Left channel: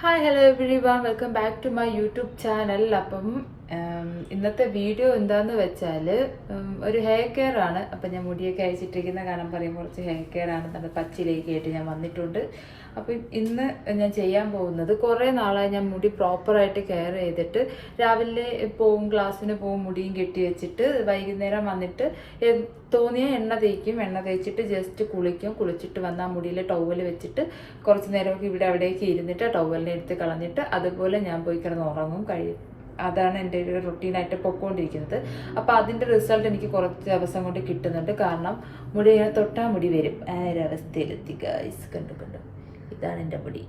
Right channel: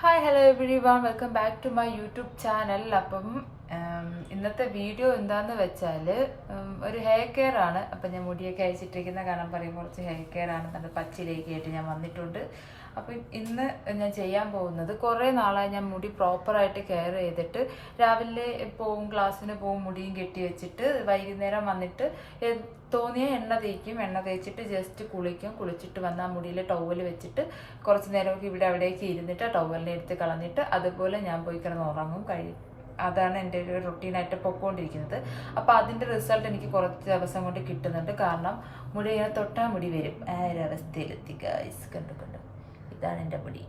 Hi hello everyone welcome back to my YouTube channel. അപ്പം ഇന്നത്തെ video എന്താന്ന് വെച്ചാൽ ഒരു ഹെയർ കെയർ ആണ്. അപ്പം ഞാൻ മുടിയൊക്കെ അയച്ചിട്ടിരിക്കുന്ന കാരണം പറയുമ്പോൾ കുറച്ച് ഹെയർ കെയർ ആണ് നല്ല പച്ചിലേക്ക് ആയിട്ട് ഞാൻ വന്നിട്ടുണ്ട്. അപ്പം ഇന്ന് ഞാൻ ചെയ്യാൻ പോകുന്നത് കുറേ നാളായി ഞാൻ മുടി പ്രോപ്പറായിട്ട് കെയർ ചെയ്തിട്ട് രാവിലെ പോവും, ക്ലാസ്സിന് പോവും, മുടിയും കെട്ടി വെച്ചിട്ട് വൈകുന്നേരം വന്നിട്ട് തോന്നിയ എണ്ണ തേക്കും, എണ്ണ തേച്ചിട്ട് ജസ്റ്റ് കുളിക്കും, കുളിച്ചിട്ട് വന്നാൽ മുടിയിൽ ടവൽ വെച്ചിട്ട് കുറച്ച് നേരമൊക്കെ ഇവിടെ അവിടേക്ക് ഇരുന്നിട്ട് ടവലിനെ എടുത്ത് കളഞ്ഞിട്ട് അതുപോലെ ഞാൻ പോയി കിടന്ന് ഉറങ്ങും. അതാണ് എൻ്റെ ഒരു റൊട്ടീനായിട്ട് പൊക്കോണ്ടിരിക്കുന്നത്. അപ്പോൾ അതിൻ്റെ റിസൾട്ട് എനിക്ക് കുറച്ച് ദിവസം കൊണ്ട് കിട്ടുന്നുണ്ട്. കാരണം മുടി ഇങ്ങനെ തൊട്ടാൽ മുടി വരും. ആ ഒരു അവസ്ഥയിലെത്തി ഗൈസ്. കണ്ടു ഇതാണ് എൻ്റെ മുടി.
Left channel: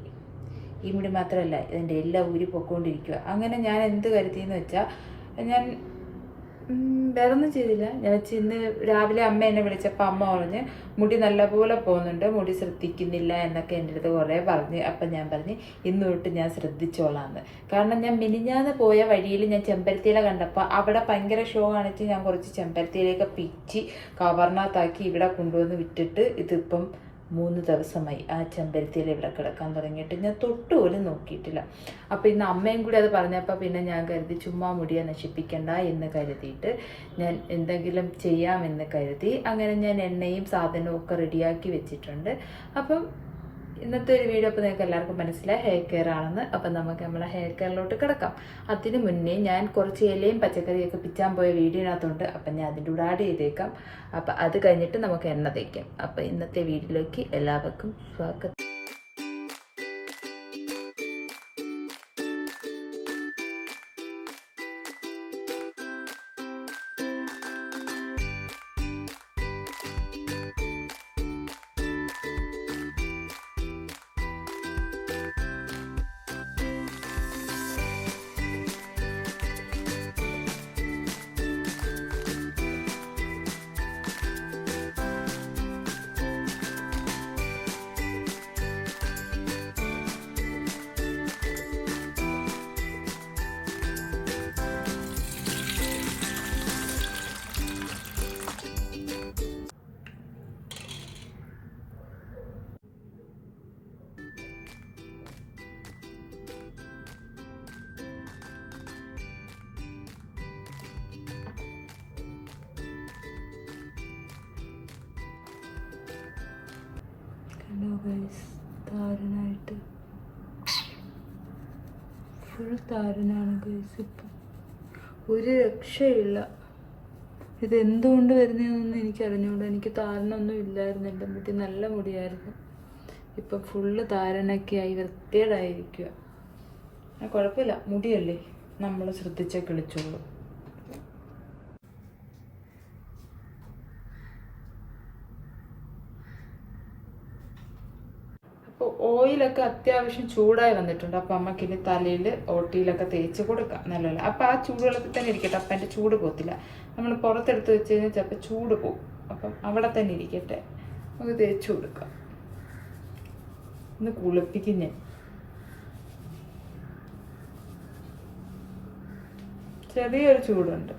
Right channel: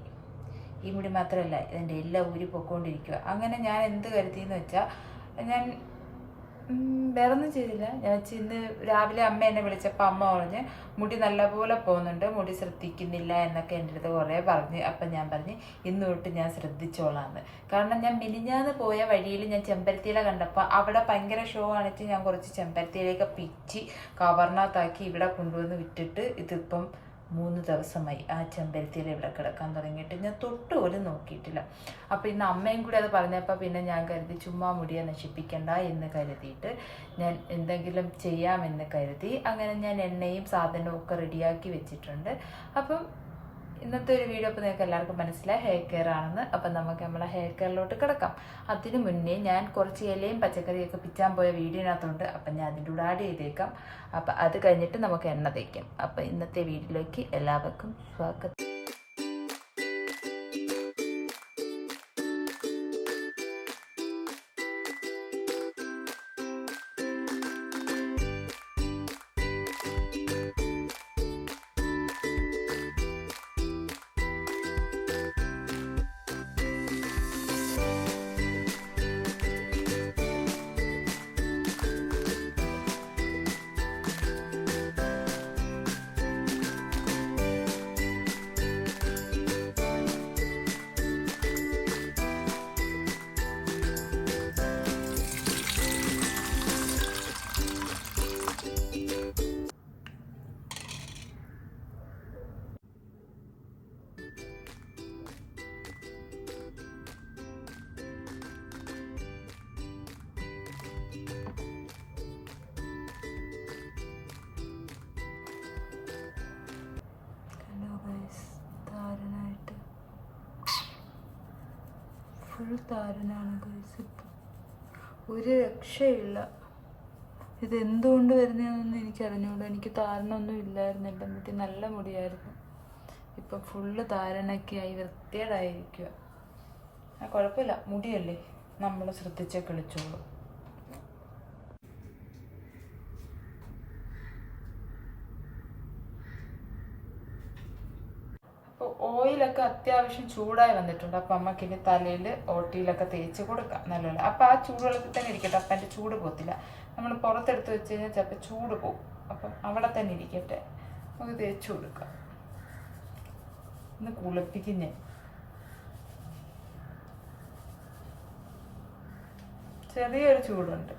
ഈ മുടി മാത്രമല്ല, ഇതിൻ്റെ എല്ലാം ഊരി പൊക്കോണ്ടിരിക്കുക. അങ്ങനെ ഞാൻ എന്ത് കരുതിയെന്ന് വെച്ചാൽ ഞാൻ വേറെ ഒന്നും ചെയ്തില്ല. ഞാൻ വെച്ച് ഇന്ന് രാവിലെ അമ്മ എന്നെ വിളിച്ചപ്പോൾ അമ്മ പറഞ്ഞ് മുടി നല്ലപോലെ പോകുന്നുണ്ട്, മുടി ശ്രദ്ധിക്കുന്നില്ല എന്നൊക്കെ എൻ്റെ അടുത്ത് കുറേ പറഞ്ഞ്. അപ്പം ഞാൻ പറഞ്ഞ് ഇന്ന് തൊട്ട് ഞാൻ ശ്രദ്ധിച്ചോളാന്ന്. കാരണം ഞാൻ മിനിഞ്ഞാന്ന് പോയ വഴിയിൽ ഞാൻ ചെമ്പരത്തിയില കണ്ടപ്പോൾ അവിടെ ഭയങ്കര ഷോ കാണിച്ച് ഞാൻ കുറച്ച് ചെമ്പരത്തിയിലേക്ക് പിച്ചി കവറിനകത്താക്കി ഇവിടെ കൊണ്ടുവന്ന് വിട്ടിട്ട് ഇതിപ്പം 3 ദിവസമായി ആ ചെമ്പരത്തിയില ഇവിടെ കിടക്കാൻ തുടങ്ങിയിട്ട് ഞാൻ തൊട്ടുപോലും നോക്കിയിട്ടില്ല. അപ്പോൾ ഇന്ന് അമ്മയും കൂടി അത് പറഞ്ഞപ്പോൾ പിന്നെ ഞാൻ കരുതി ചുമ്മാ മുടിയെ നശിപ്പിക്കണ്ട എന്ന് കരുതിയിട്ട് ഞാൻ എന്തെങ്കിലും ചെയ്യാമെന്ന് കരുതി അങ്ങനെ ഞാൻ എണ്ണയും സാധനവും ഒക്കെ റെഡിയാക്കി വെച്ചിട്ടുണ്ട്. അപ്പം ഇന്നത്തെ ഒരു വീഡിയോ അപ്പോൾ നിങ്ങൾക്ക് എല്ലാവർക്കും മനസ്സിലായി ഹെയർ കെയർ ആണെന്ന്. അപ്പം നമുക്ക് നമ്മളെ ഹെയർ കെയറിലോട്ട് കിടക്കാം. അതിന് മുന്നേ ഞാൻ കുറച്ച് ഇലയും പച്ചക്കറിയൊക്കെ പിച്ചാൻ പോയ വീഡിയോനകത്തുണ്ട്. അപ്പം ഞാൻ അതിൻ്റെ കൂടെ ആഡ് ചെയ്തേക്കാം. അപ്പം അത് കഴിഞ്ഞിട്ട് നമുക്ക് എണ്ണ തേക്കാം. അപ്പം ഇന്നത്തെ വീഡിയോയിലേക്ക് എല്ലാവർക്കും സ്വാഗതം. താരനായിട്ട് ഫുൾ താരനാണ് ഗൈസ്. ഇപ്പം ഒരു രക്ഷയില്ല. ഇത് എന്തുകൊണ്ട് വരുന്നതെന്നൊന്നും എനിക്ക് അറിഞ്ഞുകൂടാ. എനിക്ക് താരനൊന്നും ഇല്ലായിരുന്നു, എൻ്റെ മുടി നല്ല മുടിയായിരുന്നു. ഇപ്പം ഫുള്ള് താരനൊക്കെ ആയി വൃത്തികേടായിരിക്കുക. കുഴപ്പമില്ല, മുടിയല്ലേ, നമ്മൾ ശ്രദ്ധിച്ചേ കളിച്ചോളൂ. അപ്പോൾ ഓയിലൊക്കെ അത്യാവശ്യം ചൂടായി വന്നിട്ടുണ്ട്. അപ്പം അമ്മക്കിനി തലയിൽ ഓട്ടിയിലൊക്കെ തേച്ച് കൊടുക്കാം നല്ലപോലെ. അപ്പം ആ ചൂടുവെള്ളത്തിൽ തന്നെ ഇരിക്കട്ടെ, അപ്പം എൻ്റെ ചൂട് പോകത്തില്ല. നമ്മൾ പുറത്തെടുത്ത് വെച്ച് കഴിഞ്ഞാൽ ചിലപ്പോൾ ചൂട് പോകും. അപ്പം അവിടെ തന്നെ ഇരിക്കട്ടെ, നമുക്ക് തേച്ച് കൊടുക്കാം. ഒന്ന് കുളിപ്പിക്കും ഞാൻ. ചെറിയൊരു ചൂടുണ്ട്.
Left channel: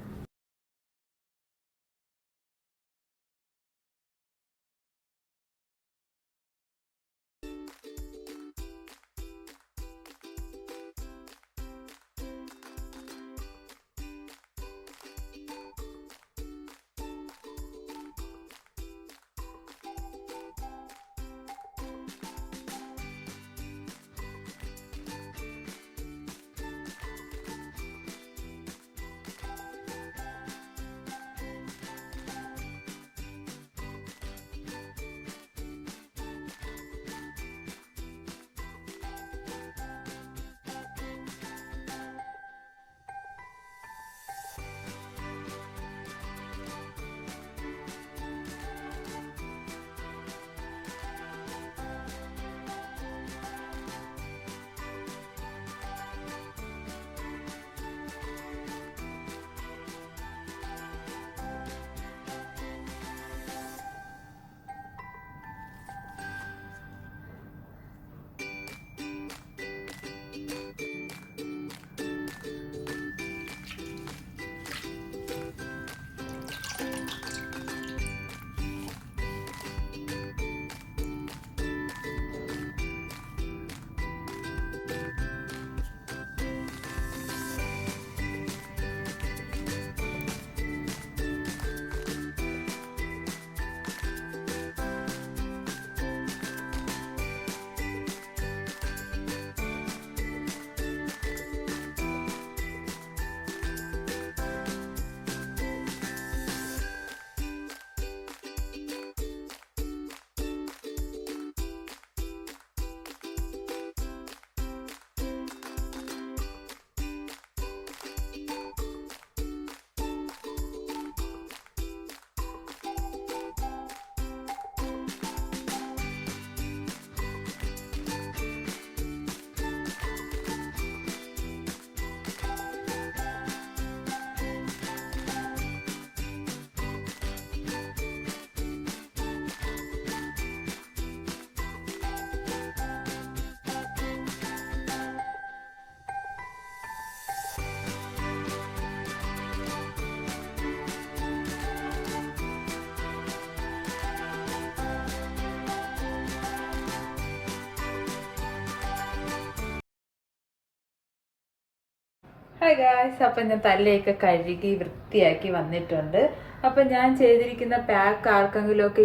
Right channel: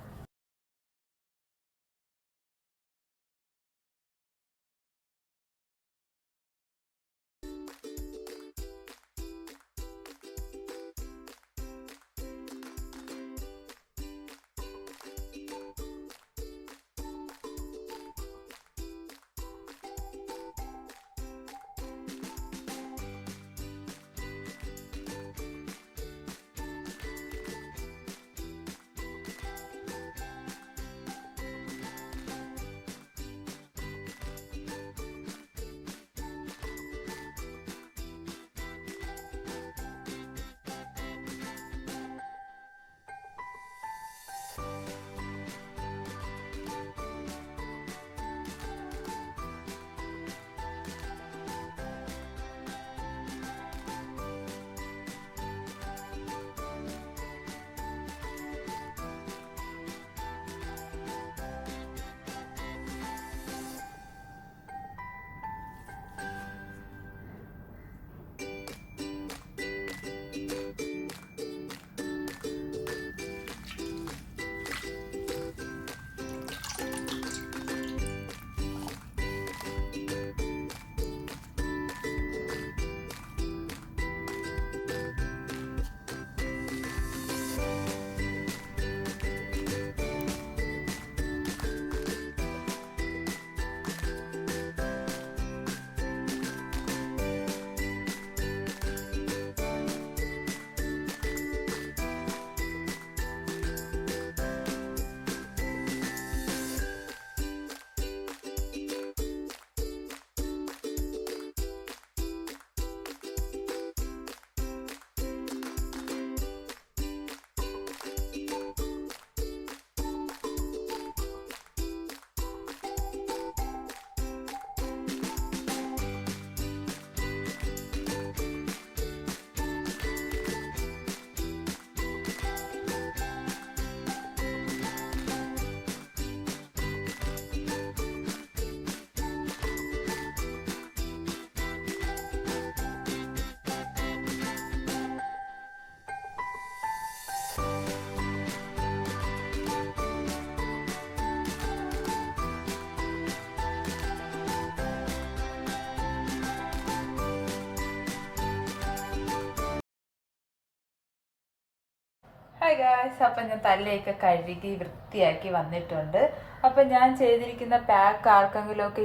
ഹായ് ഗായ്സ്, അപ്പം ഞാൻ തലയൊക്കെ കഴുകി വൃത്തിയാക്കി വന്നിട്ടുണ്ട്. അപ്പം ഞാൻ ചെയ്തിരിക്കുന്ന പാക്ക് ആർക്കെങ്കിലും ഒക്കെ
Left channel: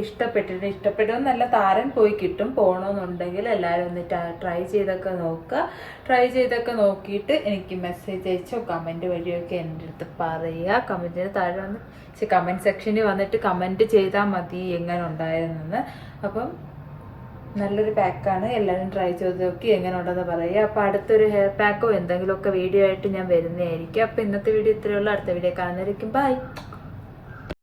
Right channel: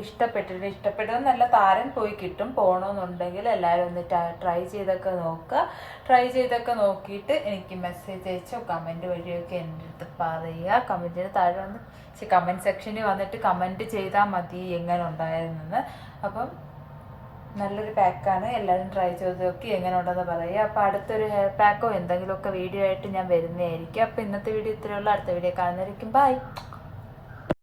ഇഷ്ടപ്പെട്ടെന്നല്ല, താരൻ പോയി കിട്ടും. പോകണമെന്നുണ്ടെങ്കിൽ എല്ലാവരും ഒന്ന് ട്രൈ ചെയ്തൊക്കെ നോക്കുക. ട്രൈ ചെയ്തൊക്കെ നോക്കിയിട്ട് എനിക്ക് മെസ്സേജ് അയച്ചോ കമൻറ്റ് വഴിയൊക്കെ എൻ്റെ അടുത്ത് പറയുക. കമൻറ്റിന് താഴെ വന്ന് കമൻറ്റ് സെക്ഷനിൽ വന്നിട്ട് കമൻറ്റ് ചെയ്താൽ മതി എങ്ങനെ ഉണ്ടായിരുന്നെന്ന്. അപ്പം നല്ലൊരു പാക്കാണ്, എല്ലാവരും ട്രൈ ചെയ്ത് നോക്കി എങ്ങനെ ഉണ്ടെന്ന് പറയുക. അപ്പോൾ അടുത്തൊരു ഹെയർ പാക്കോ എന്തെങ്കിലുമൊക്കെ വീഡിയോ ആയിട്ട് ഞാൻ വരുന്നതായിരിക്കും. അപ്പോൾ ഇന്നത്തെ വീഡിയോ ഇത്രയുള്ള, അടുത്ത വീഡിയോ കാണുന്നതായിരിക്കും. ബൈ.